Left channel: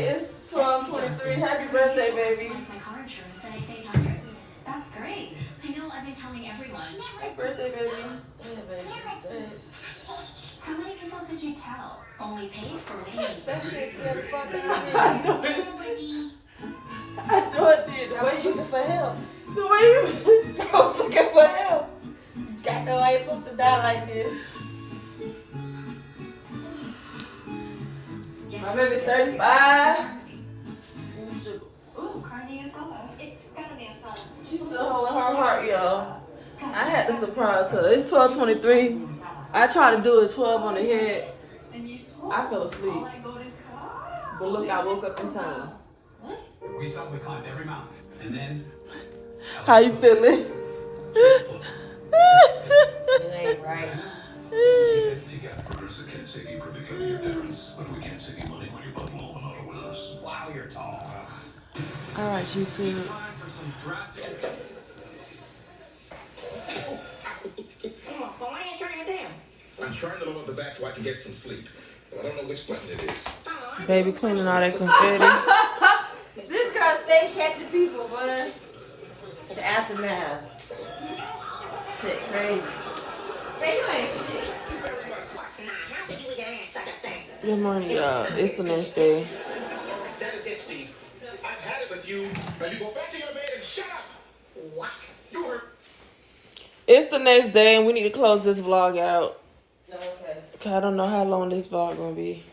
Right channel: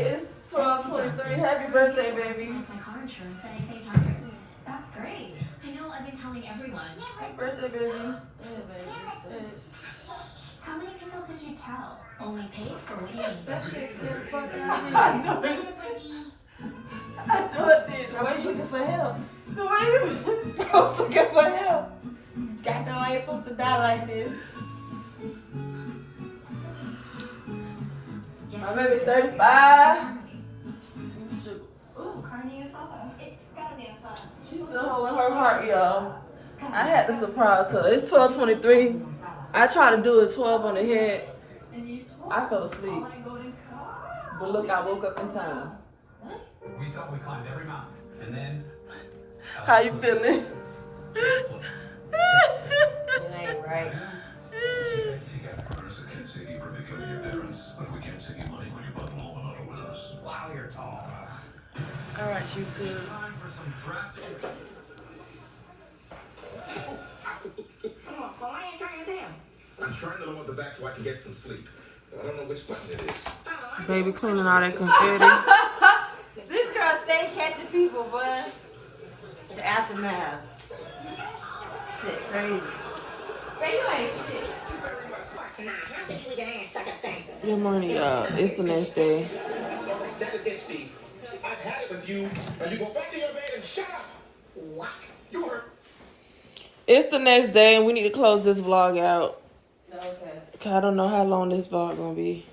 birthday. It's 12/23. Happy birthday, baby. My car insurance and I saved hundreds. That's great. I know, I've been telling everyone. Happy birthday, baby. Yeah, baby. Thanks. How many people did you tell? Only paid for me. That shit scared the fuck out of me. I know it did. The way you looking for help. The way you I was looking for help. God know I ain't supposed to die like this. My baby 35. Ooh, carne asada. It's gotta be asada. She's still holding her heart, y'all. I had to surprise her. It's 12/23. I tried to do it 12 on the head. I fell asleep. But look, I woke up in time. We thought we climbed every mountain, and then... How you feeling? It ain't right. Together. I can't save you from becoming your parents, but we can't save you money when you bundle all the auto with us. Wow, you're tall. All right, you too. Time for some drastic... Why ain't turning it down? I'm trying them on the back so I can get some sleep. I don't know which button it is. Baby cleaning all that confetti. This girl stay catching people, boy. The aftermath. Shit, crazy. Man, you ain't shit. Good morning, y'all. It's the next day. That is it, Steve. I've had it with you. Now you go back to your bed and shut up. What? You heard. It's the next day, and we need to close this vlog out. Okay. Cause I don't know how long this vlog gonna be.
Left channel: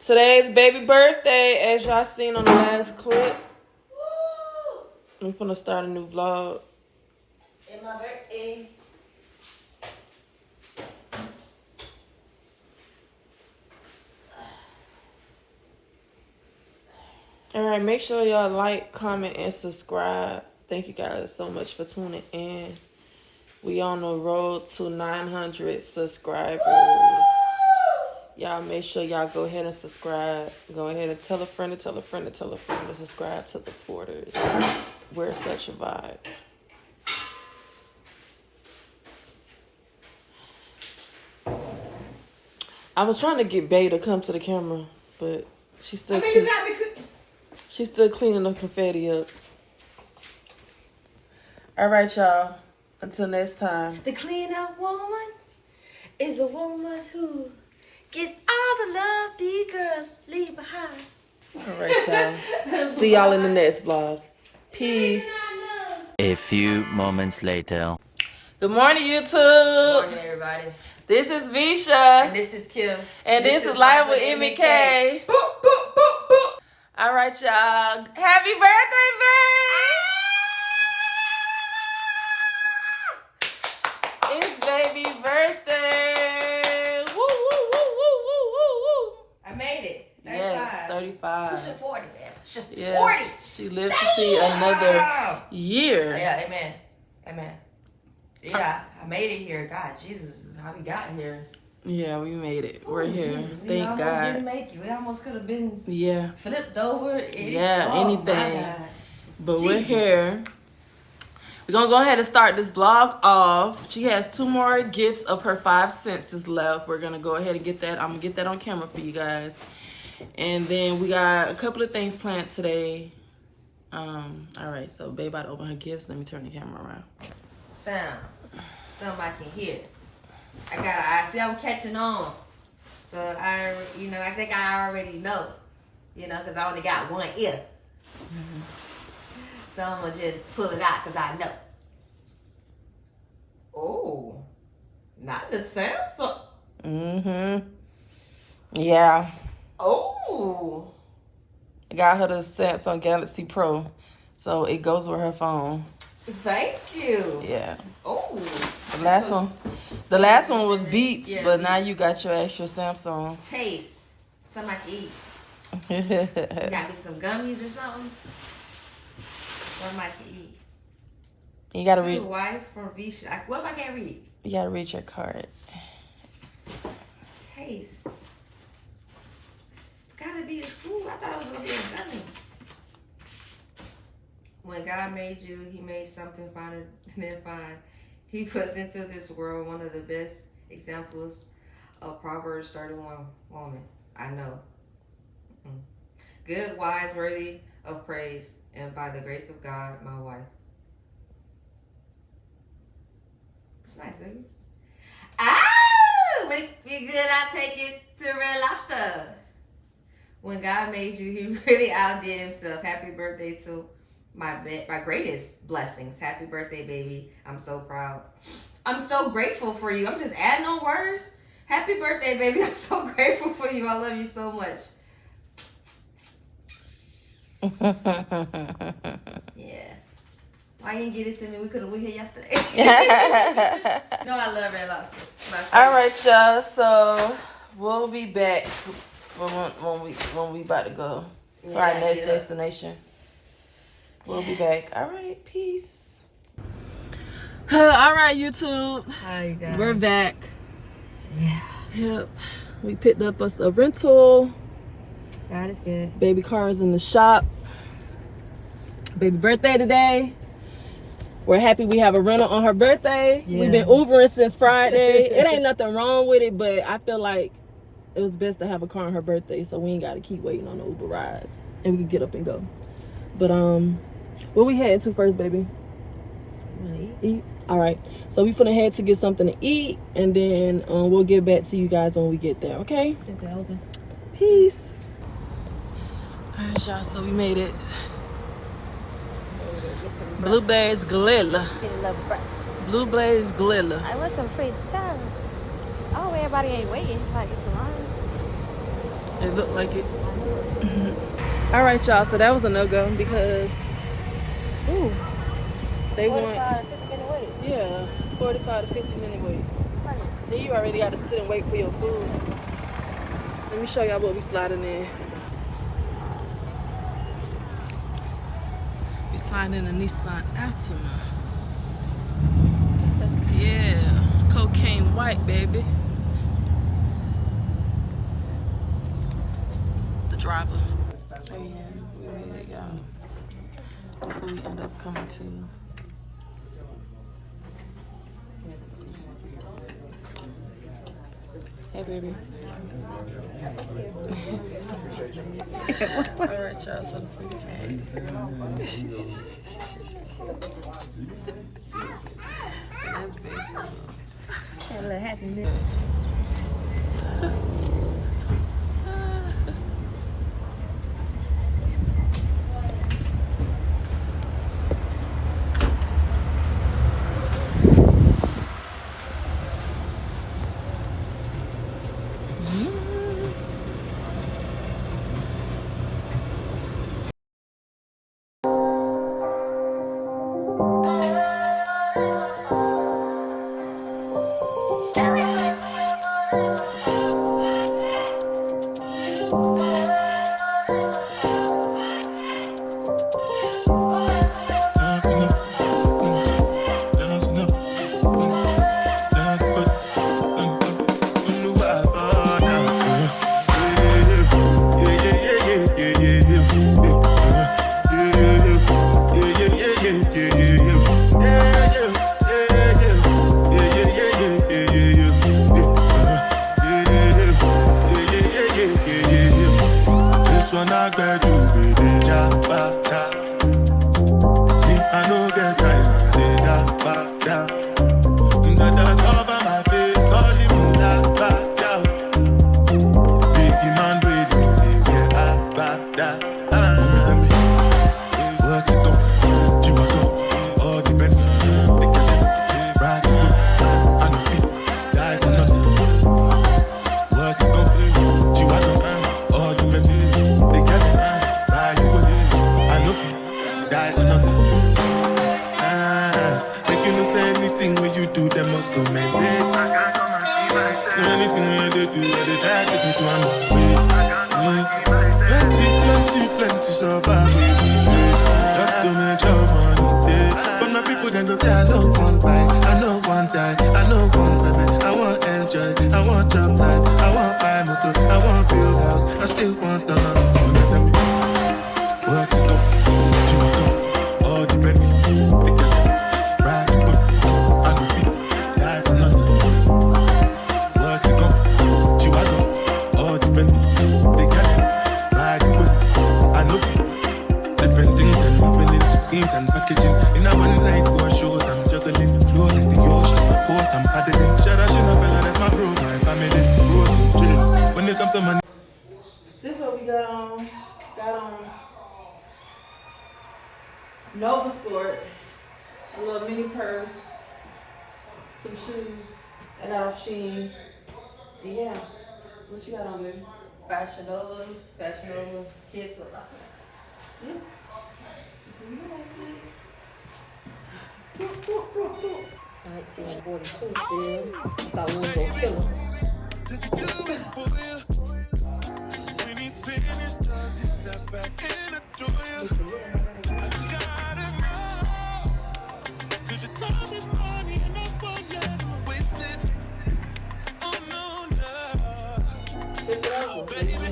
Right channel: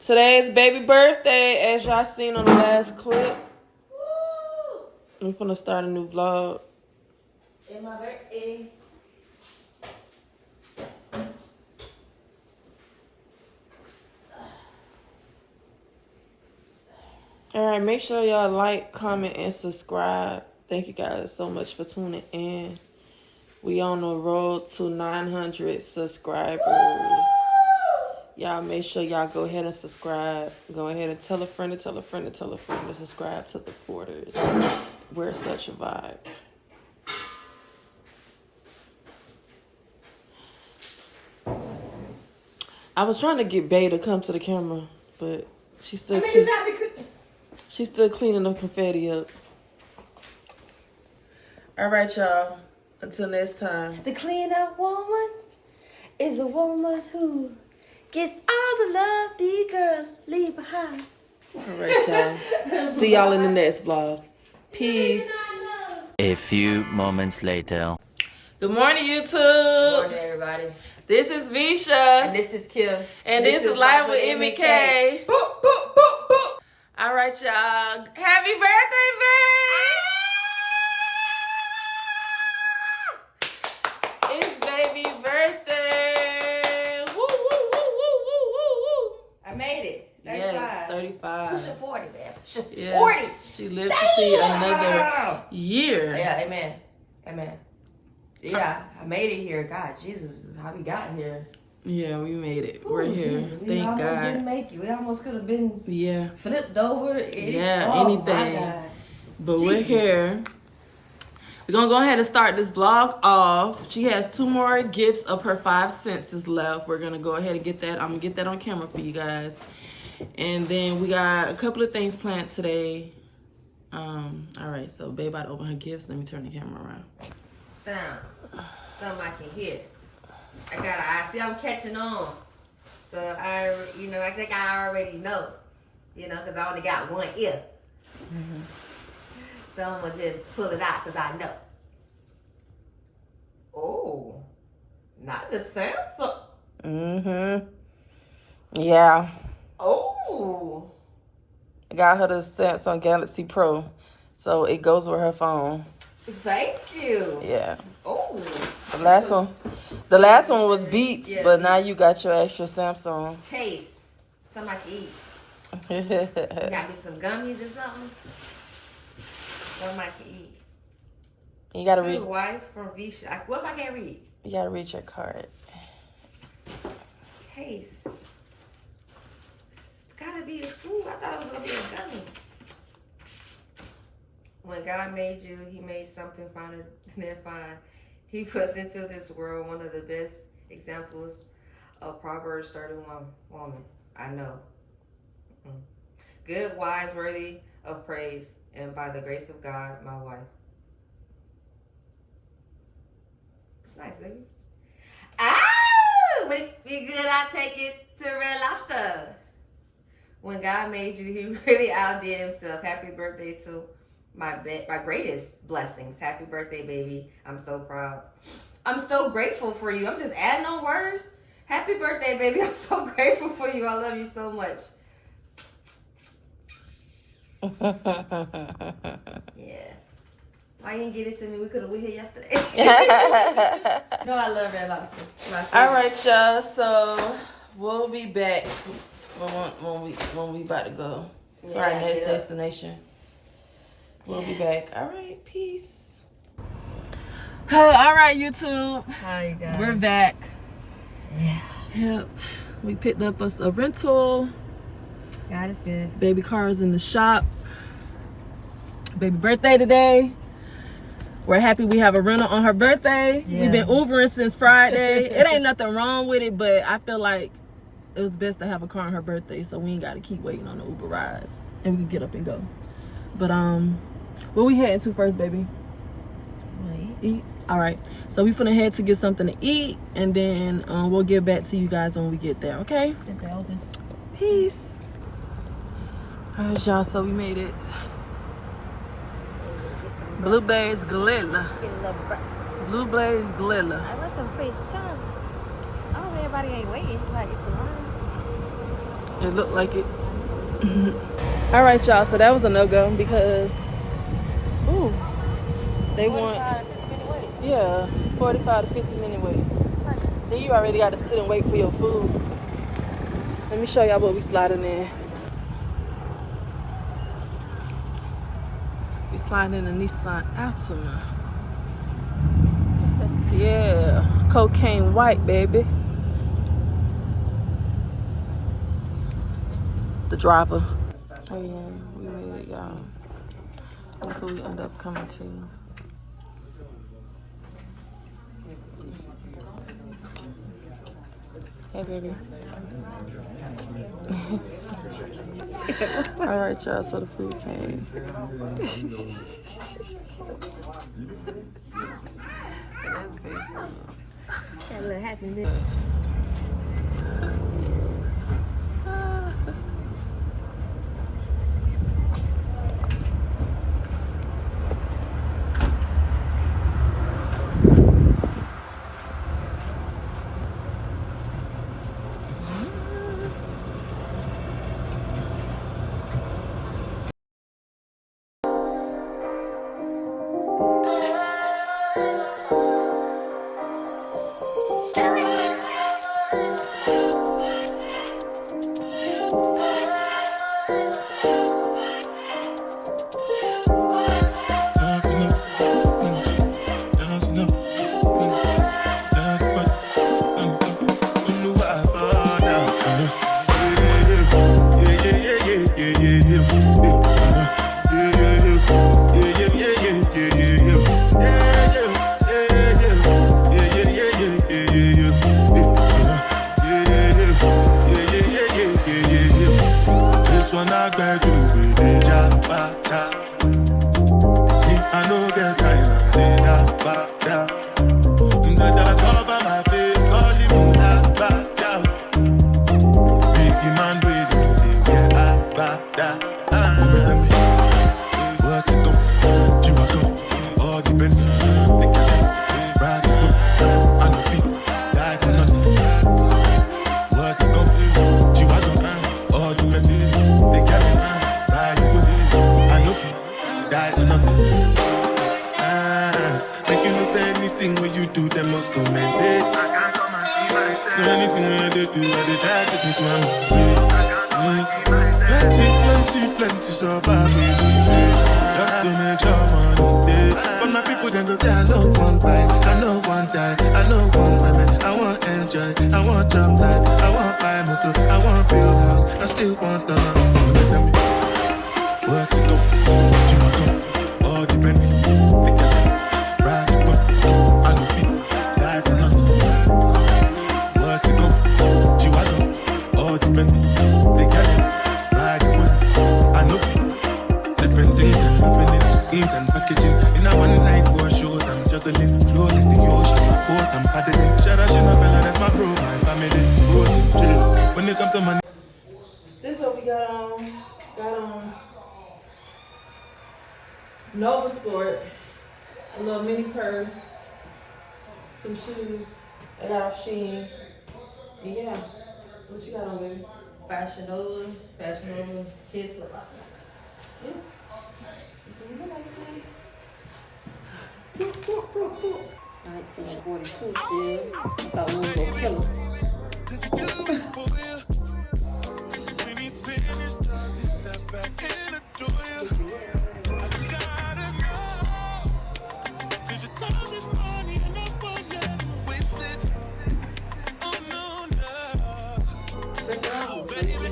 Today's baby birthday, as y'all seen on the last clip. I'm finna start a new vlog. It's my birthday. All right, make sure y'all like, comment, and subscribe. Thank you guys so much for tuning in. We on the road to 900 subscribers. Y'all make sure y'all go ahead and subscribe. Go ahead and tell a friend to tell a friend to tell a friend to subscribe to the Porters. We're such a vibe. I was trying to get Bay to come to the camera, but she's still she's still cleaning the confetti up. All right, y'all. Until next time. The clean-up woman is a woman who gets all the love these girls leave behind. All right, y'all. See y'all in the next vlog. Peace. A few moments later. Good morning, YouTube. Good morning, everybody. This is Visha. And this is Kim. And this is Live with MK. All right, y'all. Happy birthday, babe. It's baby birthday. Woo, woo, woo, woo, woo, woo, woo. I made it. 35. Yes, 35. Pushing 40, man. Pushing Yes, 40. she lives to see another year. Yeah, amen. Amen. Yeah, I made it here. God, Jesus, how we got here. Yeah, we made it. We're here. Jesus, we Thank almost God. didn't make it. We almost could have been Yeah. flipped over. Yeah, Oh, anything. my God. But we're Jesus. here. We're going to go ahead and start this vlog off. She has 2 more gifts of her 5 senses left. We're going to go ahead and get that. I'm going to get that on camera for you guys. And then we got a couple of things planned today. All right, so babe about to open her gifts. Let me turn the camera around. Sound. Something I can hear. I see I'm catching on. So I think I already know. Because I only got one ear. Mm-hmm. So I'm going to just pull it out because I know. Oh, not the Samsung. Mm-hmm. Yeah. Oh. I got her the Samsung Galaxy Pro. So it goes with her phone. Thank you. Yeah. Oh. The last one was Beats, Yeah. but now you got your extra Samsung. Taste. Something I can eat. You Got me some gummies or something. Something I can eat. gotta To read. the wife from Visha. What if I can't read? You gotta read your card. Taste. It's gotta be the food. I thought it was gonna be a gummy. When God made you, He made something finer than fine. He puts into this world one of the best examples of Proverbs 31 woman I know. good, wise, worthy of praise, and by the grace of God, my wife. It's nice, baby. Ah, when it be good, I take it to Red Lobster. When God made you, He really outdid Himself. Happy birthday to my greatest blessings. Happy birthday, baby. I'm so proud. I'm so grateful for you. I'm just adding on words. Happy birthday, baby. I'm so grateful for you. I love you so much. Yeah. Why you didn't get it to me? We here yesterday. No, I love Red Lobster. All right, y'all. So we'll be back when we about to go to our next destination. We'll be back. All right, peace. All right, YouTube. Hi, you guys. We're back. Yep. We picked up us a rental. God is good. Baby car is in the shop. Baby birthday today. We're happy we have a rental on her birthday. Yeah. We've been Ubering since Friday. It ain't nothing wrong with it, but I feel like it was best to have a car on her birthday so we ain't got to keep waiting on the Uber rides. And we can get up and go. But, where we heading to first, baby? Eat? All right. So we finna head to get something to eat, and then we'll get back to you guys when we get there, okay? Peace. All right, y'all. So we made it. Blueberries Galilla. Blueberries Galilla. I want some fish too. Oh, everybody ain't waiting. Like, it's a line. It looked like it. I know it. All right, y'all. So that was a no-go because, ooh, they want, 45 to 50 minute wait. yeah, 45 to 50 minute wait. Right. Then you already got to sit and wait for your food. Let me show y'all what we sliding in. We sliding in a Nissan Altima. Yeah, cocaine white, baby. The driver. Oh yeah, we made it, y'all. That's what we end up coming to. Hey, baby. Alright, y'all, so the food came. That's big. Got a little happy bit. This one I got you with the jabata. Me, I no get time, I did that bada. That cover my face, calling me that bada. Biggie man, we do the get bada. Tell me, what's it come? You are come, all the men, they catch it, ride the foot, I no feet, die for nothing. What's it come? You are come, all the men, they catch it, ride the foot, I no feet, die for nothing. Make you no say anything when you do, they must comment it. I can't come and see myself. So anything when they do, they try to take me to another way. I can't come and see myself. Plenty survive with the face. Just to make your money day. But my people then go say, I know one buy, I know one die, I know one baby. I want enjoy, I want job life, I want buy motor, I want build house, I still want the love. Tell me, what's it go? You are go, all the Bentley, they can ride the boat, I no feet, die for nothing. What's it go? You are go, all the Bentley, they can ride the boat. got on Nova Sport, a little mini purse, some shoes. I got on Shein. And yeah, what you got on, baby? Fashion Nova, kids look like Yeah. That's what we got, baby. 1942 still. Thought we was gonna kill him. Does he do it for you? When he's finished, does he step back and adore you? I just gotta know. 'Cause your time is money and I won't let him waste it. Oh no, no. Baby,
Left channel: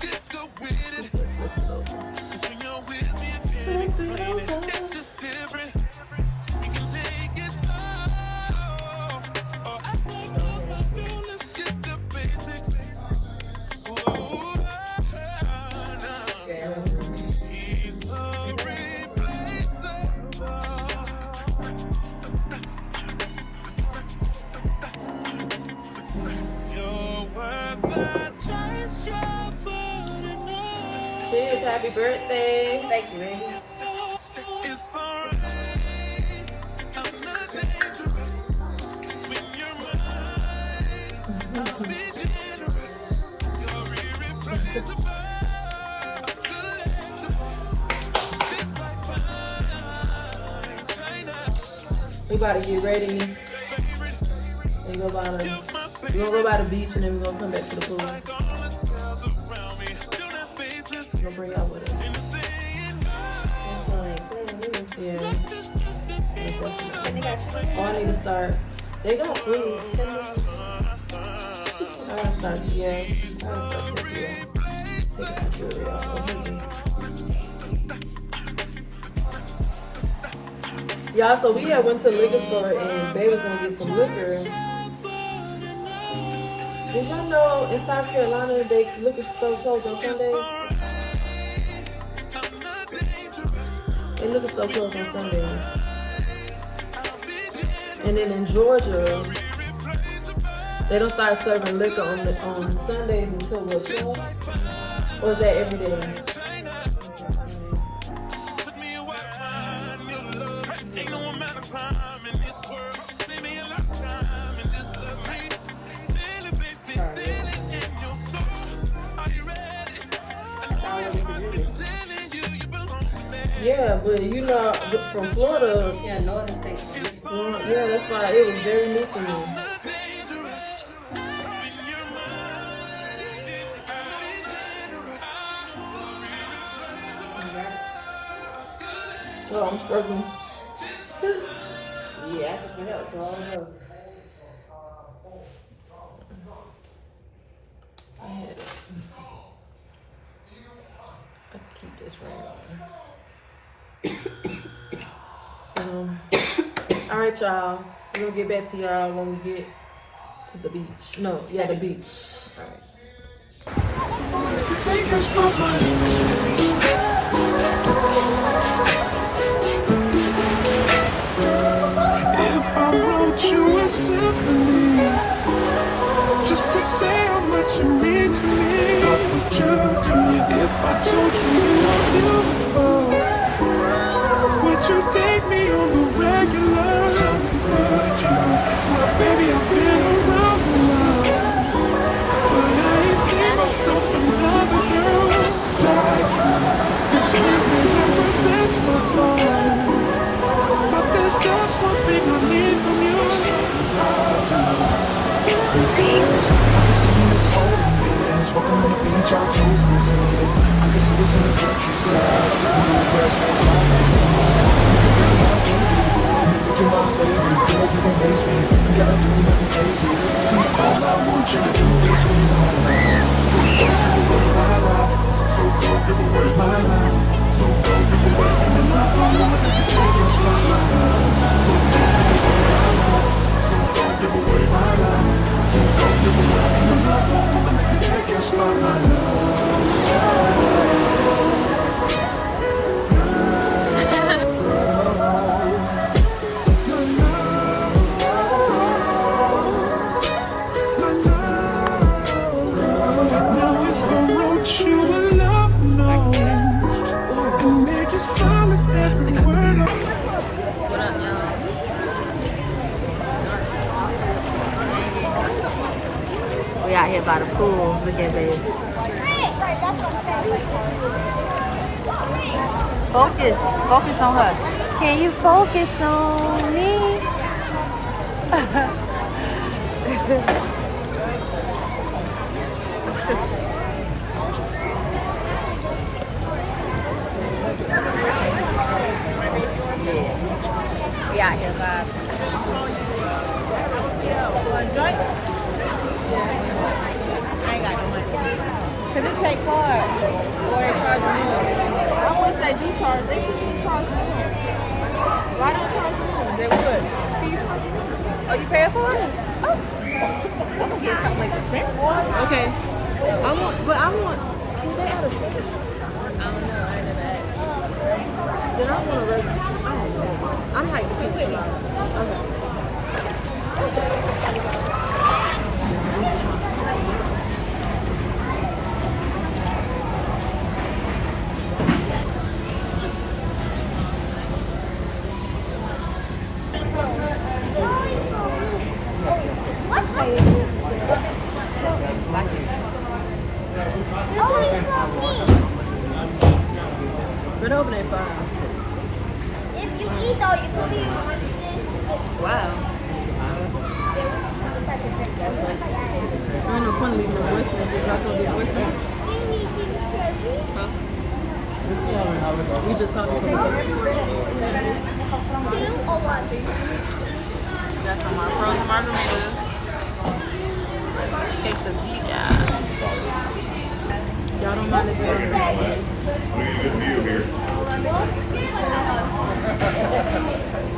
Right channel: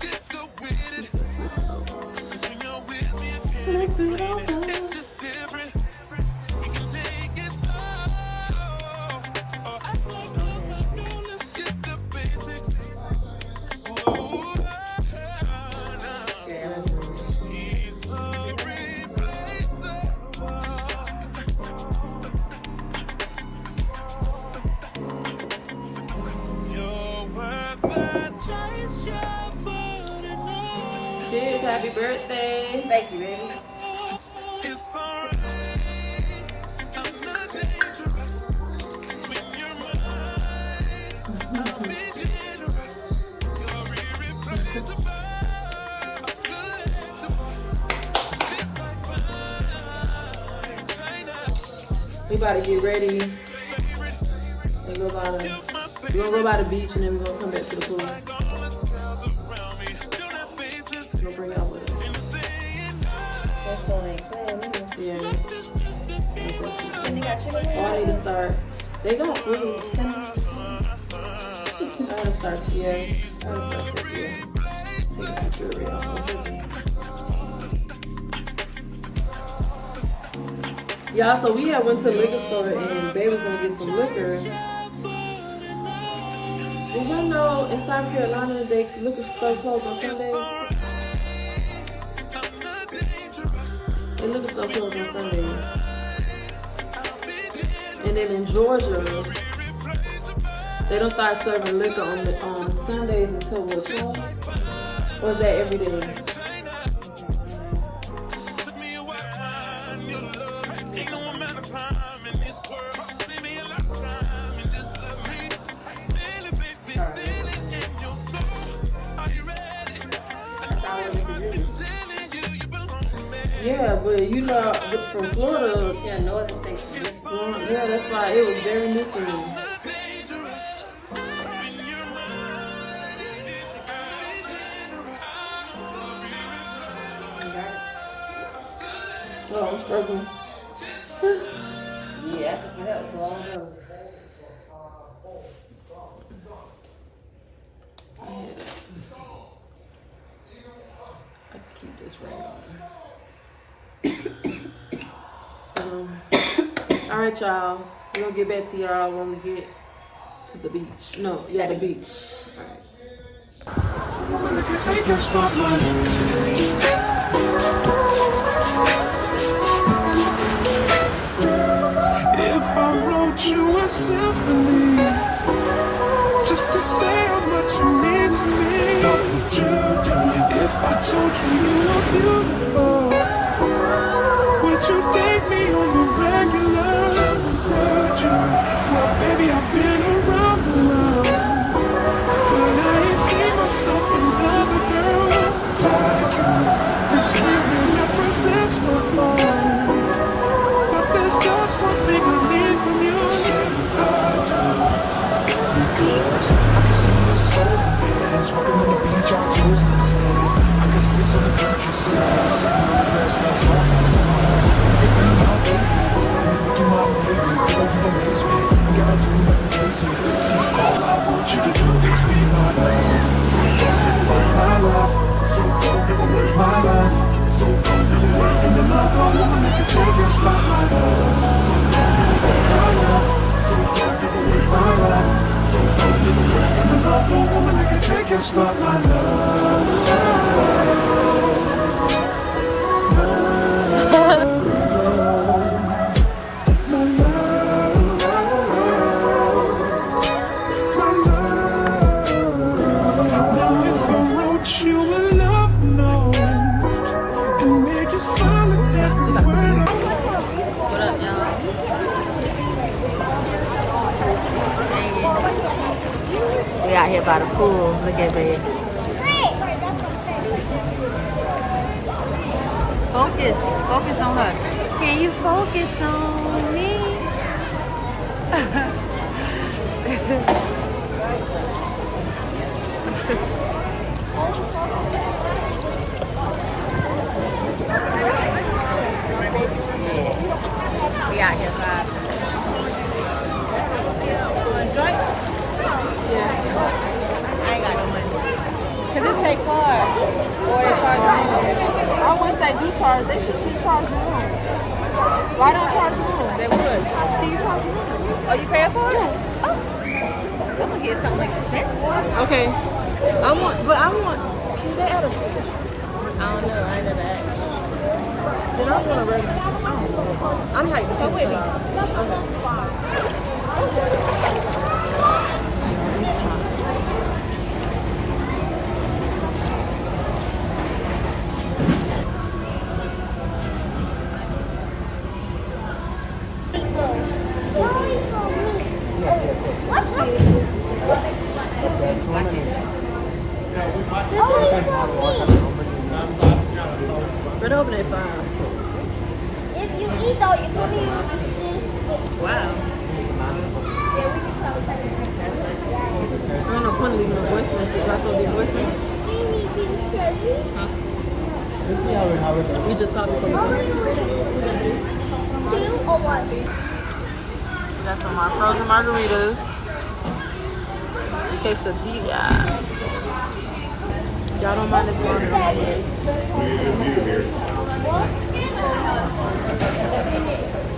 just go with it. 'Cause when you're with me, I can't explain it. It's just different. We can take it slow. Oh, act like love, I know. Let's get the basics. Whoa, no. He's irreplaceable. You're worth the chase, you're putting on. Cheers, happy birthday. Thank you, baby. It's alright. I'm not dangerous. When you're mine, I'll be generous. You're irreplaceable. Collectible. Just like fine China. We about to get ready Favorite. and go by the. You're my We're gonna go favorite. by the beach and then we're gonna come back to the pool. Like all the girls around me. Don't have faces. We're gonna bring y'all with us. And they're saying no. That's on it. Yeah. Just the thing. Oh, I need to start. They got food. I gotta start. Yeah. I gotta start this year. Take a picture of y'all. So we had went to the liquor store and Babe was gonna get some liquor. Did y'all know in South Carolina they liquor store closed on Sundays? They liquor store closed on Sundays. And then in Georgia, they don't start serving liquor on Sundays until what, 12? Or is that every day? Yeah, but you know, from Florida, Yeah, northern states. yeah, that's why it was very new for me. Oh, I'm struggling. Yeah, that's what else. Long road. I had it. I keep this ring on. All right, y'all. We're gonna get back to y'all when we get to the beach. No, yeah, the beach. All right. If I wrote you a symphony, just to say how much you mean to me, what would you do? If I told you you were beautiful, would you date me on the regular? Well, baby, I've been around the world, but I ain't seen myself another girl like you. This really represents my heart. But there's just one thing I need from you. Because I can see us holding hands, walking on the beach, our toes in the sand. I can see us on the countryside, sitting on the grass like side by side. You can be my baby, you're my baby. Girl, you amaze me, you gotta do nothing crazy. See, all I want you to do is be my life. My life, so don't give away my life. So don't give away. And another woman that can take your spot, my love. So don't give away my life. So don't give away my life. So don't give away. And another woman that can take your spot, my love. Now if I wrote out here by the pool. Look at baby. Focus. Focus on her. Can you focus on me? Yeah. We out here vibing. Want a joint? I ain't got no money. Cause it take card or they charge the room. I wish they do charge. They should be charging. Why don't charge the room? They would. Oh, you paying for it? Oh. I'm gonna get something expensive. Okay. I want. Can they add a sugar? I don't know. I did that. Then I want a regular. I don't know. I'm hyped to pina colada. Okay. Yeah, it's hot. Right over there, fine. If you eat though, you can be. Wow. I don't know point of leaving a voice message. Do I supposed to leave a voice message? Huh? You just called me from the phone. Got some more frozen margaritas. Quesadilla. Y'all don't mind this monitor on my head.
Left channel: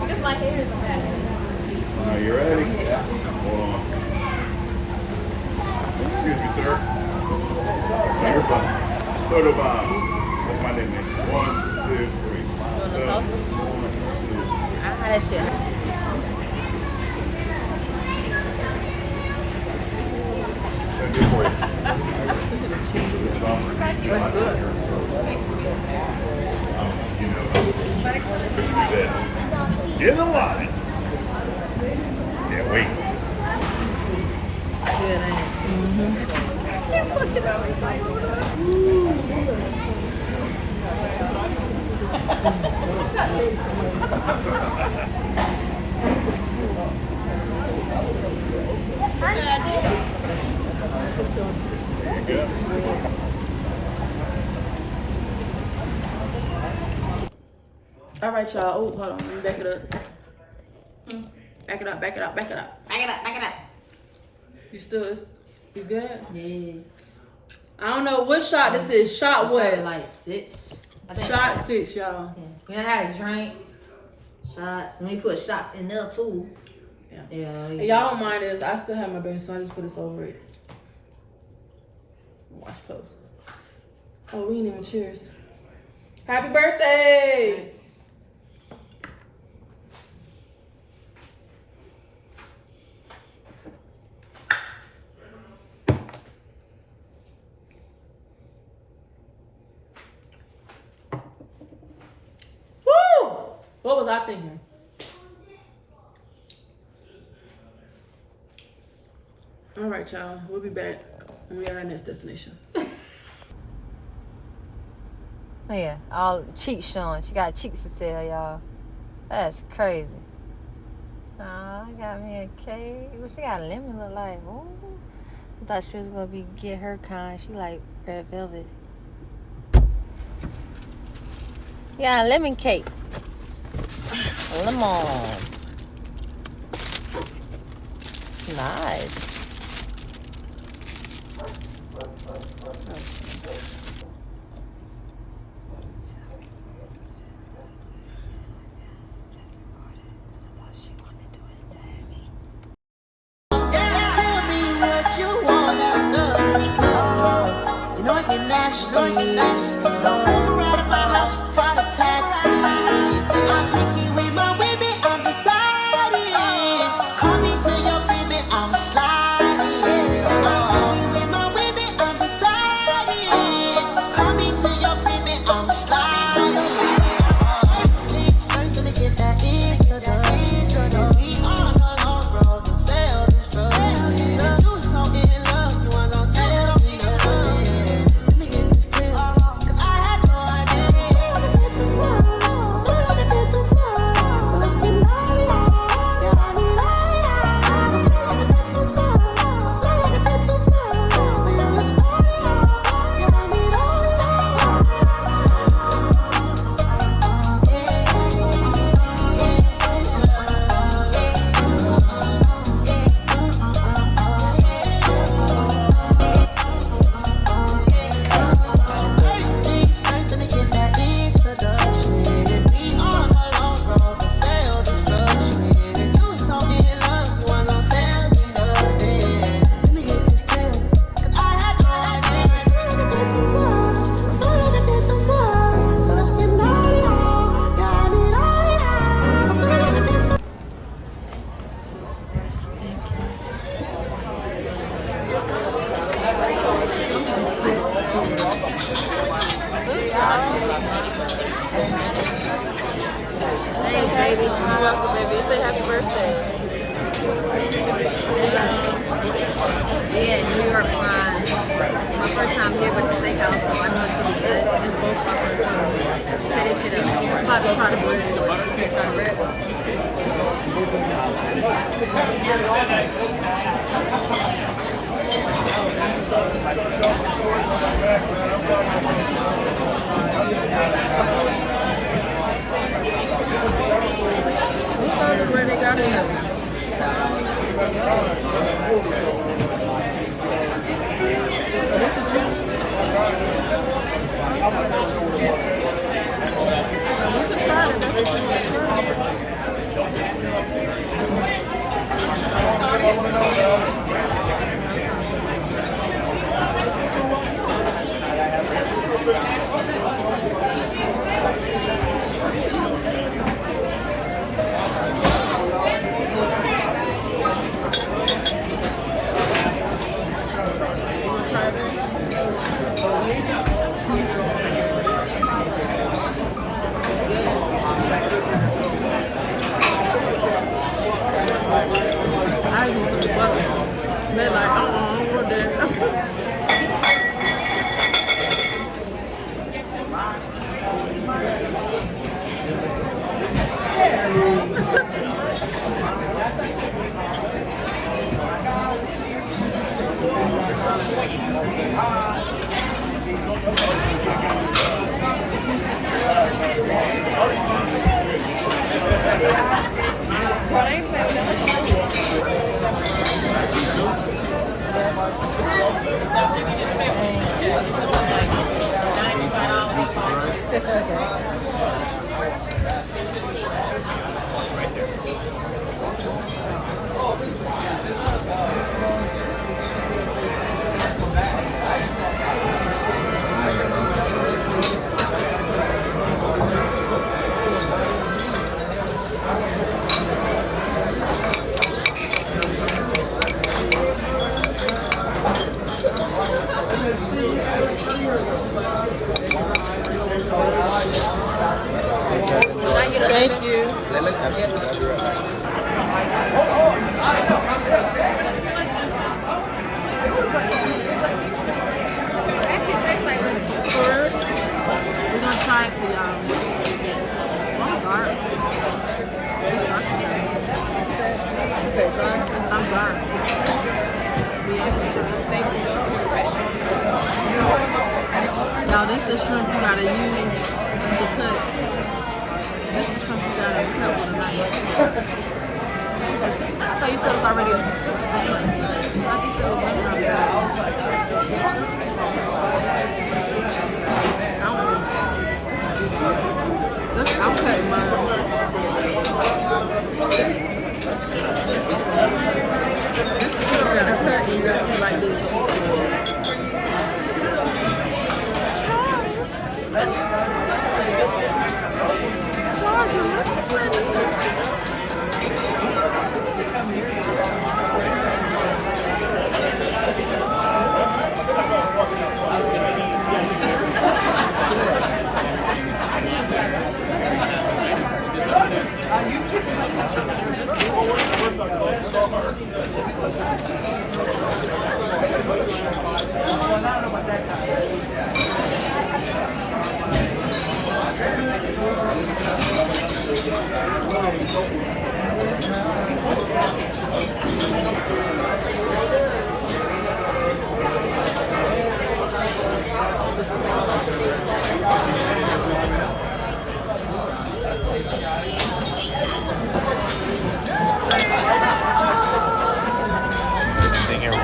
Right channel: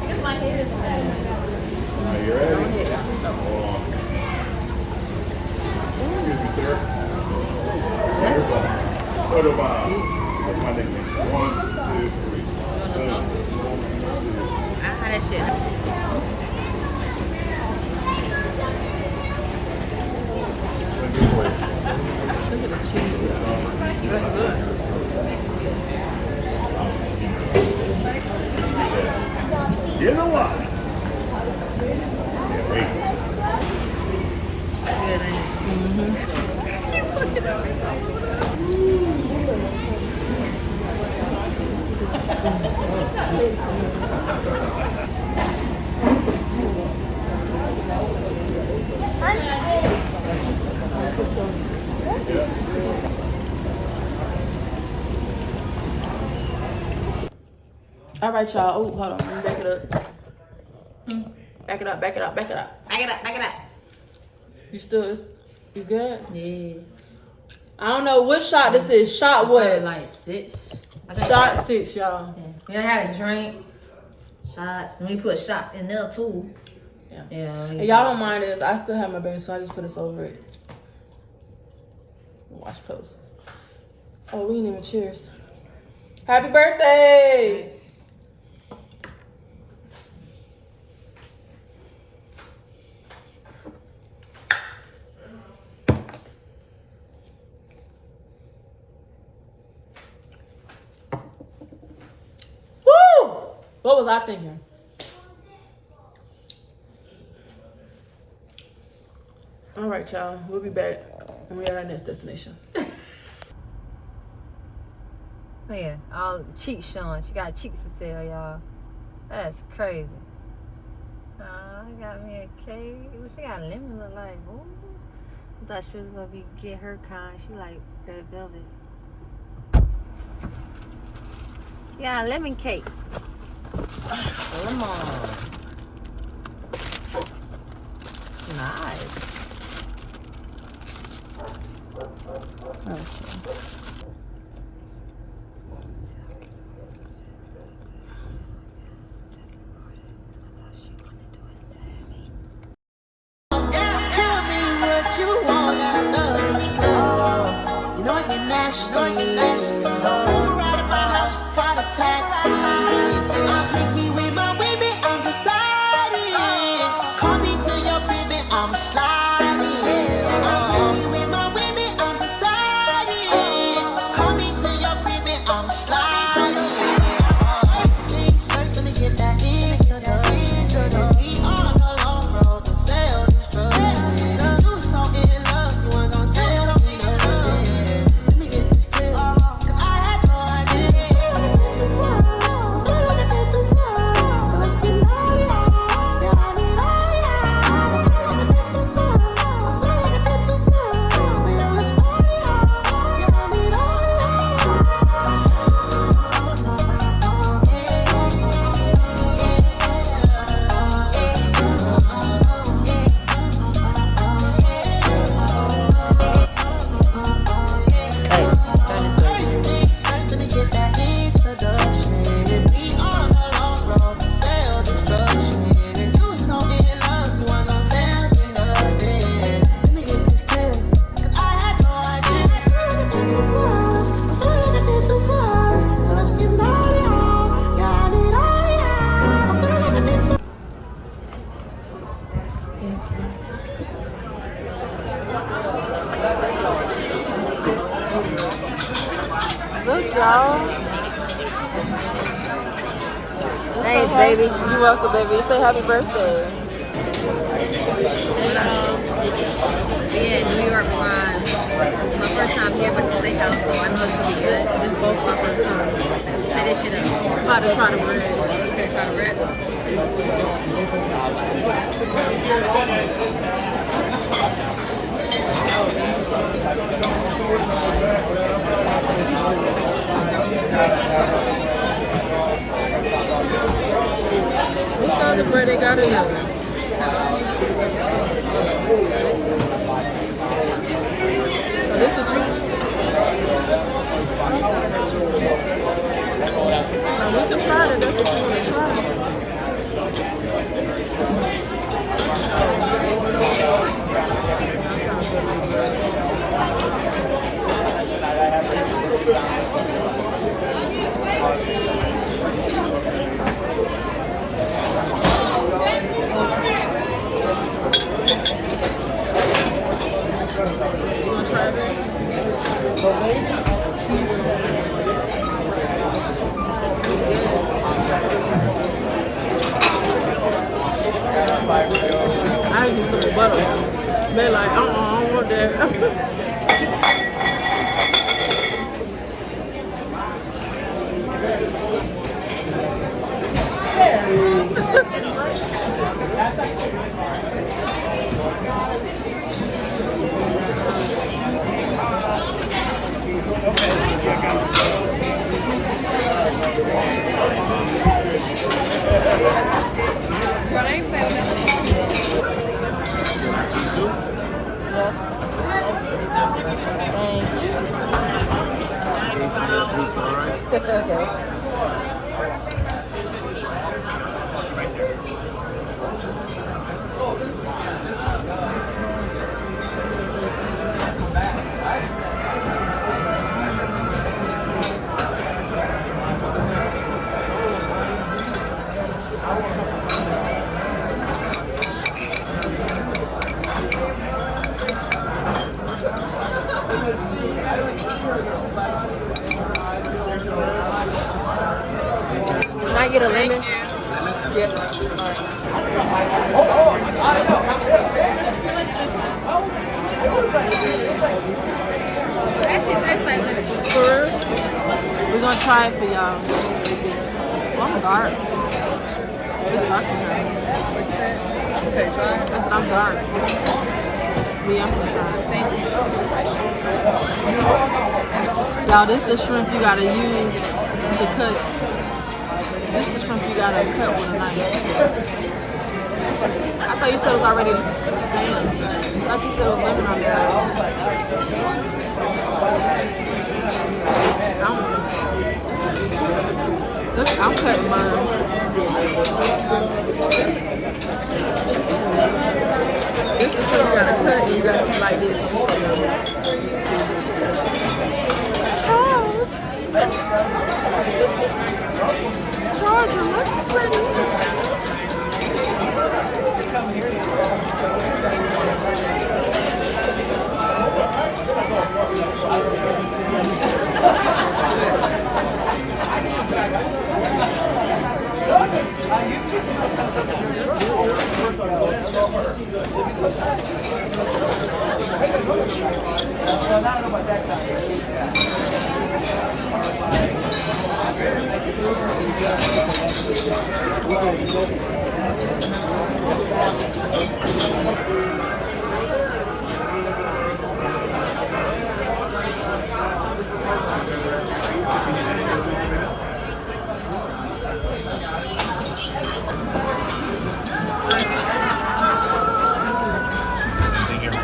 Because my hair is messy. Are you ready? Hold on. Excuse me, sir. Photo Bob. That's my nickname. 1, 2, 3. You want the salsa? Ah, that shit. That's good. This. Here's a lot. Yeah, wait. All right, y'all. Oh, hold on. Let me back it up. Back it up, back it up, back it up. Back it up, back it up. You still, you good? Yeah. I don't know what shot this is. Shot what? Like 6. I think. Shot 6, y'all. Yeah. We done had a drink. Shots. And we put shots in there too. Yeah. Yeah. And y'all don't mind this. I still have my baby, so I just put this over it. Wash clothes. Oh, we ain't even cheers. Happy birthday! Thanks. Woo! What was I thinking? All right, y'all. We'll be back when we at our next destination. Yeah, all cheeks showing. She got cheeks for sale, y'all. That's crazy. Oh, I got me a cake. What she got lemon look like? Ooh. I thought she was gonna get her kind. She like red velvet. Yeah, lemon cake. Lemon. It's nice. You're welcome, baby. Say happy birthday. Yeah, New York fries. My first time here, but it's a steakhouse, so I know it's gonna be good. This is both our first time. Set this shit up. I'm about to try the bread. You gonna try the bread? What's the other bread they got in there? Oh, this is chicken. Now we can try it if that's what you want to try. You want to try this? I need some butter. They like, I don't want that. But I ain't playing with that. It's okay. Thank you. That shit tastes like lemon. For real? We're gonna try it for y'all. Oh, I'm dark. It's dark today. What you said? You better try it. I said I'm dark. Yeah, I'm gonna try it. Thank you. Y'all, this the shrimp you gotta use to cut. This is the shrimp you gotta cut with a knife. I thought you said it was already done. I thought you said it was lemon on there already. I'm cutting mine. This is the shrimp you gotta cut and you gotta eat like this. I'm showing you. Charles! Charles, your lunch is ready.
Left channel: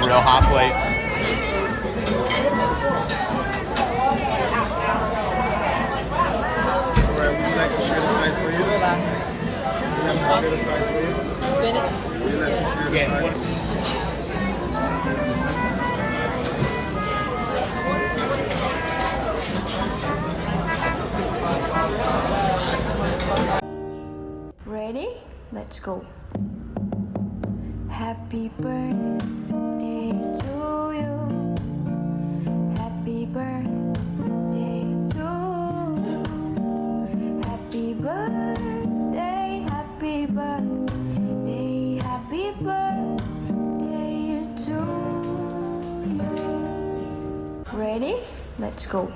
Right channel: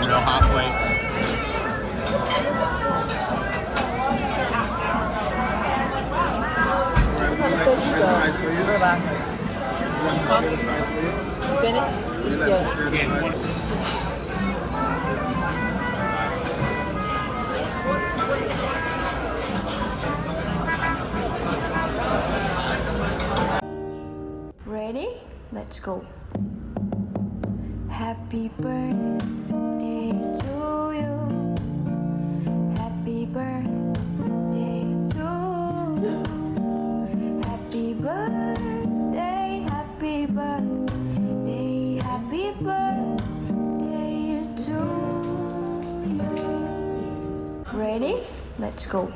Real hot plate. Alright, would you like to share the sides for you? Would you like to share the sides for you? Would you like to share the sides for you? Ready? Let's go. Happy birthday to you. Happy birthday to you. Happy birthday, happy birthday to you. Ready? Let's go.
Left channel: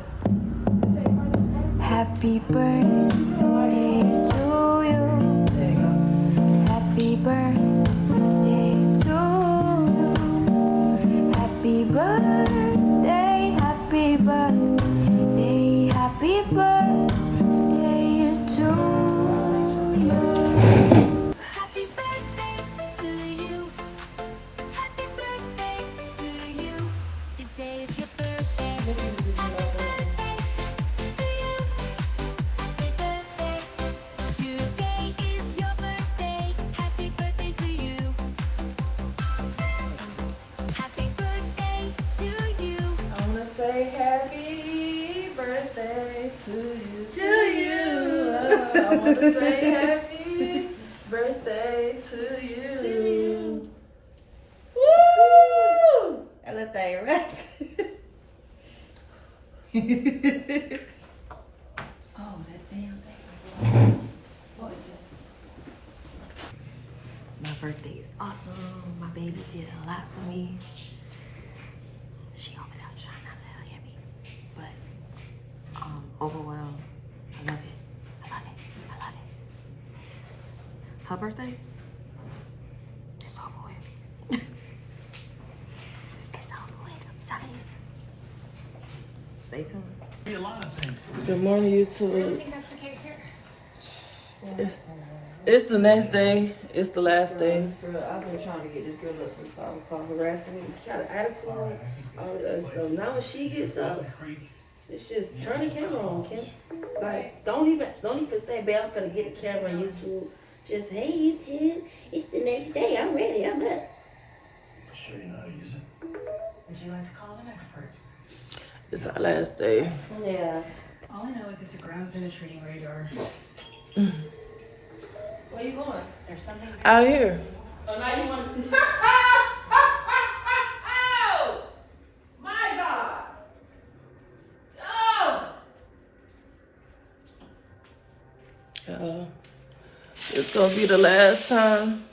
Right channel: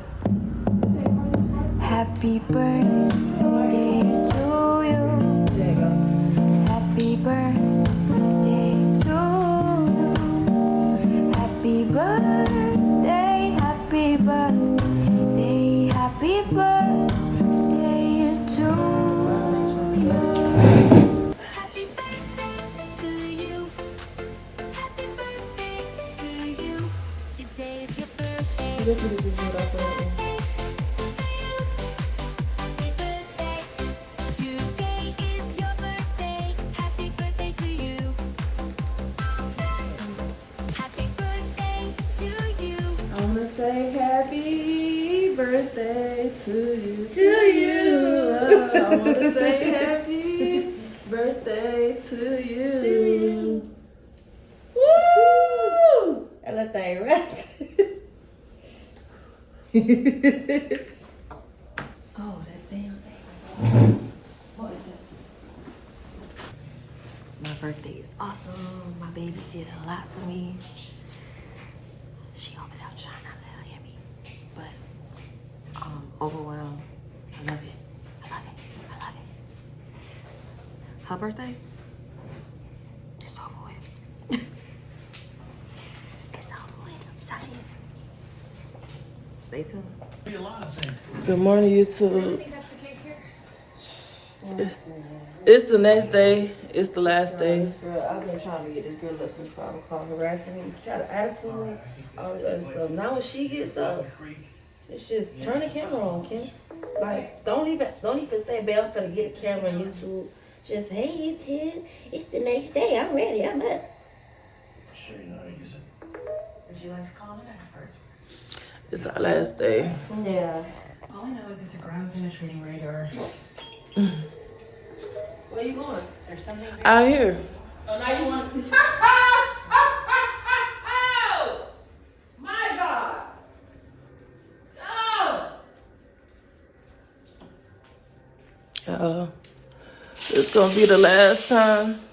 Happy birthday to you. Happy birthday to you. Happy birthday, happy birthday, happy birthday to you. Happy birthday to you. Happy birthday to you. Today is your birthday. I want to say happy birthday to you. Woo! I let that rest. Oh, that damn thing. What is it? My birthday is awesome. My baby did a lot for me. She opened up trying not to let her hear me. But overwhelmed. I love it. I love it. I love it. Her birthday? It's over with. It's over with. I'm telling you. Stay tuned. Good morning, YouTube. It's the next day. It's the last day. I've been trying to get this girl up since 5 o'clock, harassing me. She had an attitude, all this other stuff. Now when she gets up, it's just turn the camera on, Kim. Like, don't even say, babe, I'm finna get a camera on YouTube. Just, hey, YouTube, it's the next day. I'm ready. I'm up. Sure you know how to use it. Would you like to call an expert? It's our last day. Yeah. All I know is it's a ground penetrating radar. Where you going? There's something. Out here. Oh, now you want to... My God. Oh. It's gonna be the last time.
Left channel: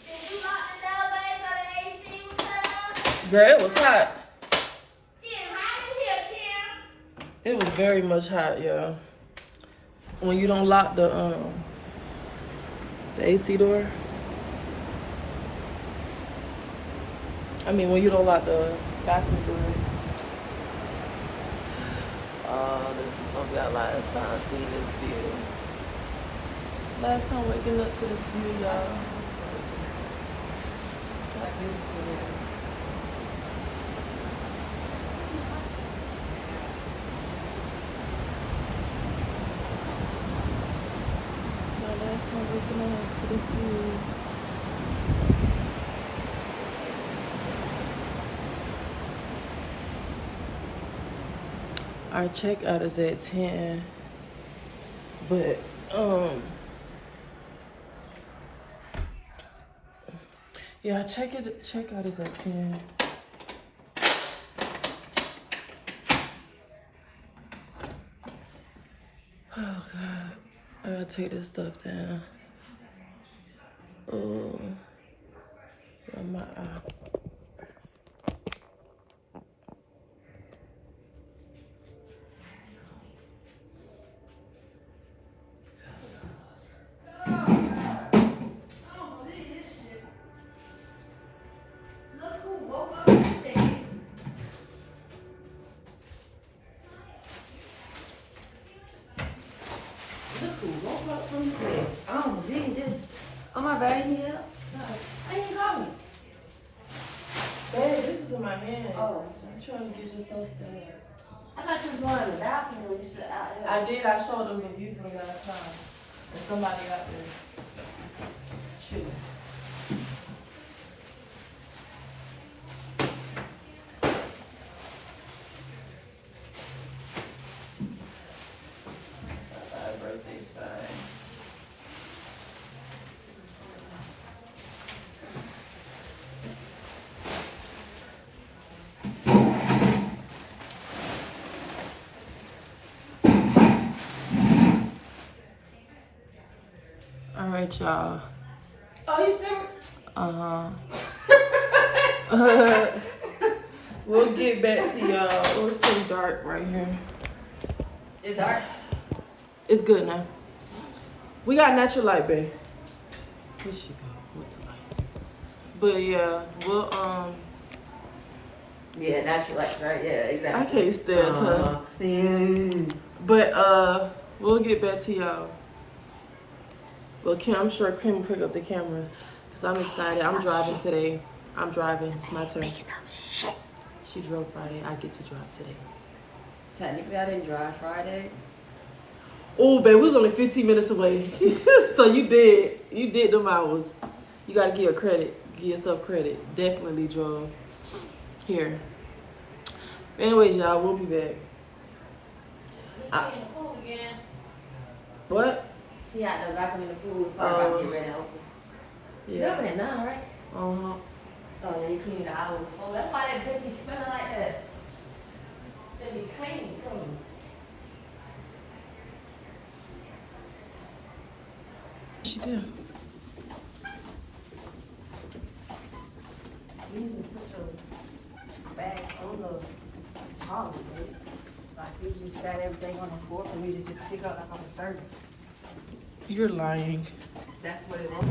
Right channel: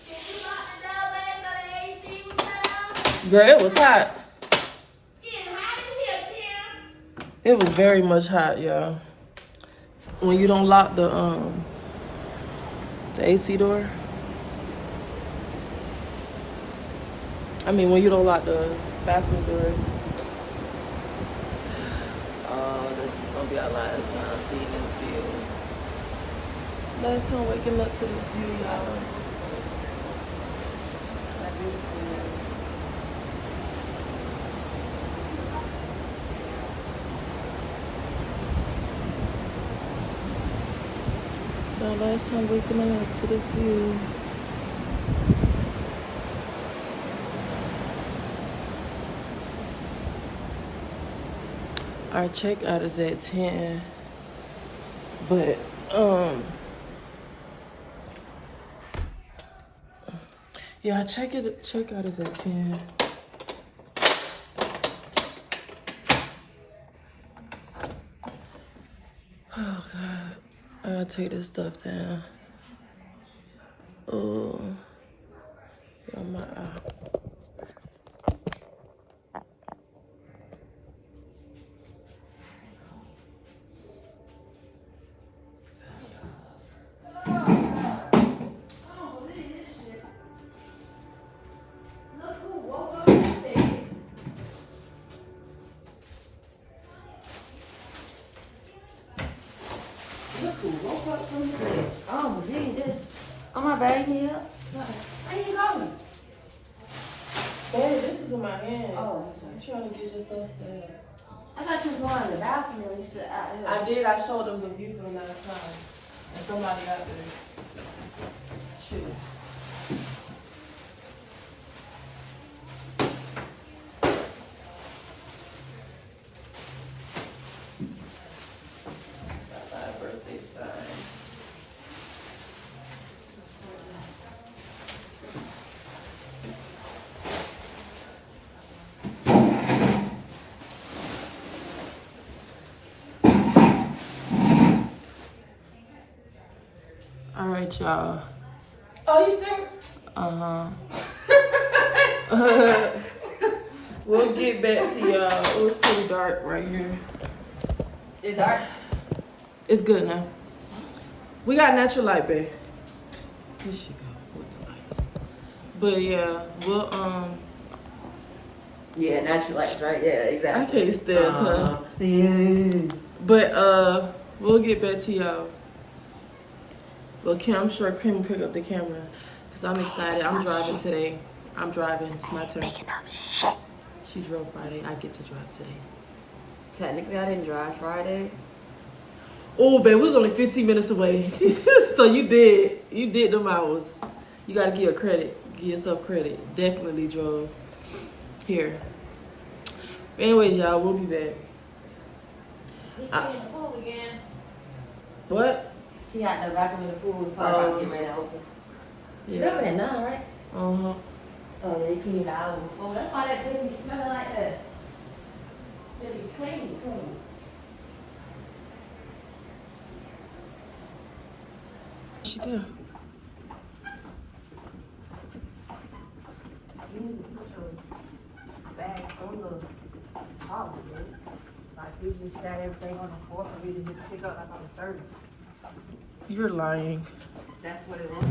Girl, it was hot. It was very much hot, y'all. When you don't lock the AC door. I mean, when you don't lock the bathroom door. Oh, this is gonna be our last time seeing this view. Last time waking up to this view, y'all. So last time waking up to this view. Our checkout is at 10, but yeah, checkout is at 10. Oh God, I gotta take this stuff down. Oh, on my eye. Babe, this is in my hand. Oh, I'm trying to get yourself stand. I thought you was going in the balcony when you said out here. I did. I showed them the view from the last time. And somebody got there. Shoot. Got my birthday sign. All right, y'all. Oh, you still? Uh-huh. We'll get back to y'all. It was pretty dark right here. It's dark. It's good now. We got natural light, babe. Here she go with the lights. But yeah, we'll Yeah, natural lights, right? Yeah, exactly. I can't stand her. Yeah. But we'll get back to y'all. Well, I'm sure Kim will pick up the camera because I'm excited. I'm driving today. I'm driving. It's my turn. She drove Friday. I get to drive today. Technically, I didn't drive Friday. Oh, babe, we was only 15 minutes away. So you did them hours. You got to give yourself credit. Definitely drove here. But anyways, y'all, we'll be back. In the pool again. What? He had to lock him in the pool. Oh. Get ready to open. Yeah. You open at 9, right? Uh-huh. Oh, they cleaned the hour before. That's why that baby smelling like that. Baby clean. She did. You need to put your bag on the trolley, baby. Like you just sat everything on the floor for me to just pick up like on the service. You're lying. That's what it was.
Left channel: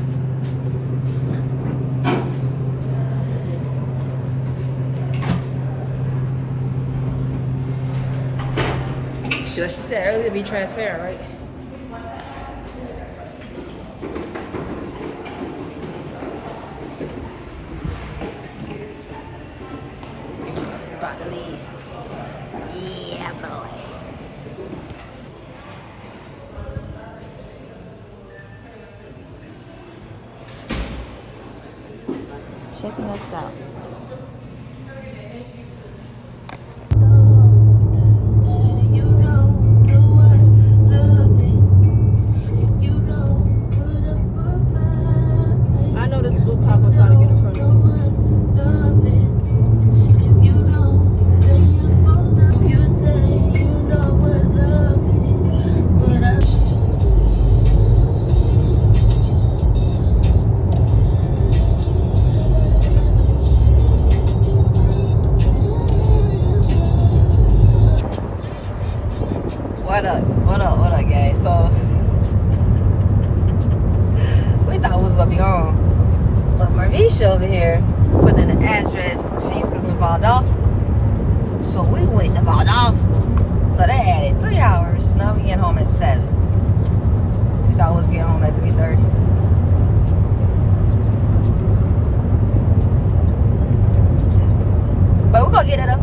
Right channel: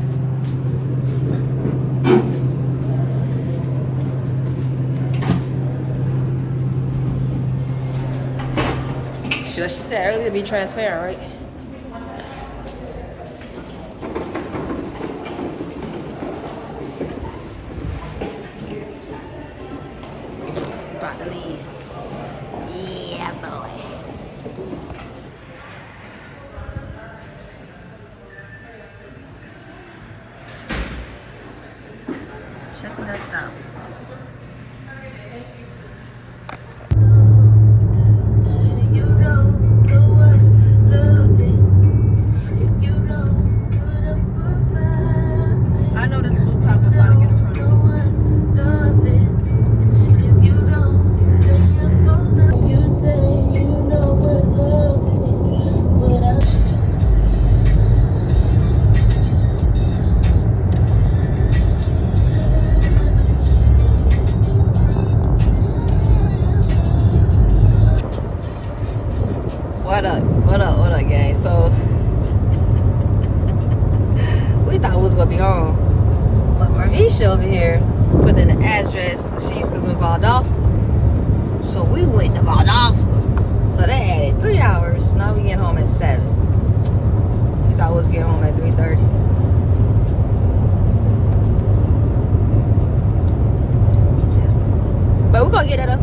Sure, she said earlier be transparent, right? About to leave. Yeah, boy. Checking us out. I know this blue cop will try to get in front of me. What up, gang? So we thought we was gonna be home, but Marisha over here put in the address. She's still in Valdosta, so we went to Valdosta. So they added 3 hours. Now we get home at 7. We thought we was getting home at 3:30. But we're gonna get it up.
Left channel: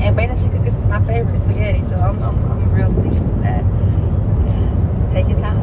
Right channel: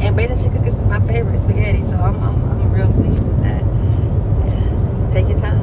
And beta chicken is my favorite spaghetti, so I'm real pleased with that. Yeah. Take your time.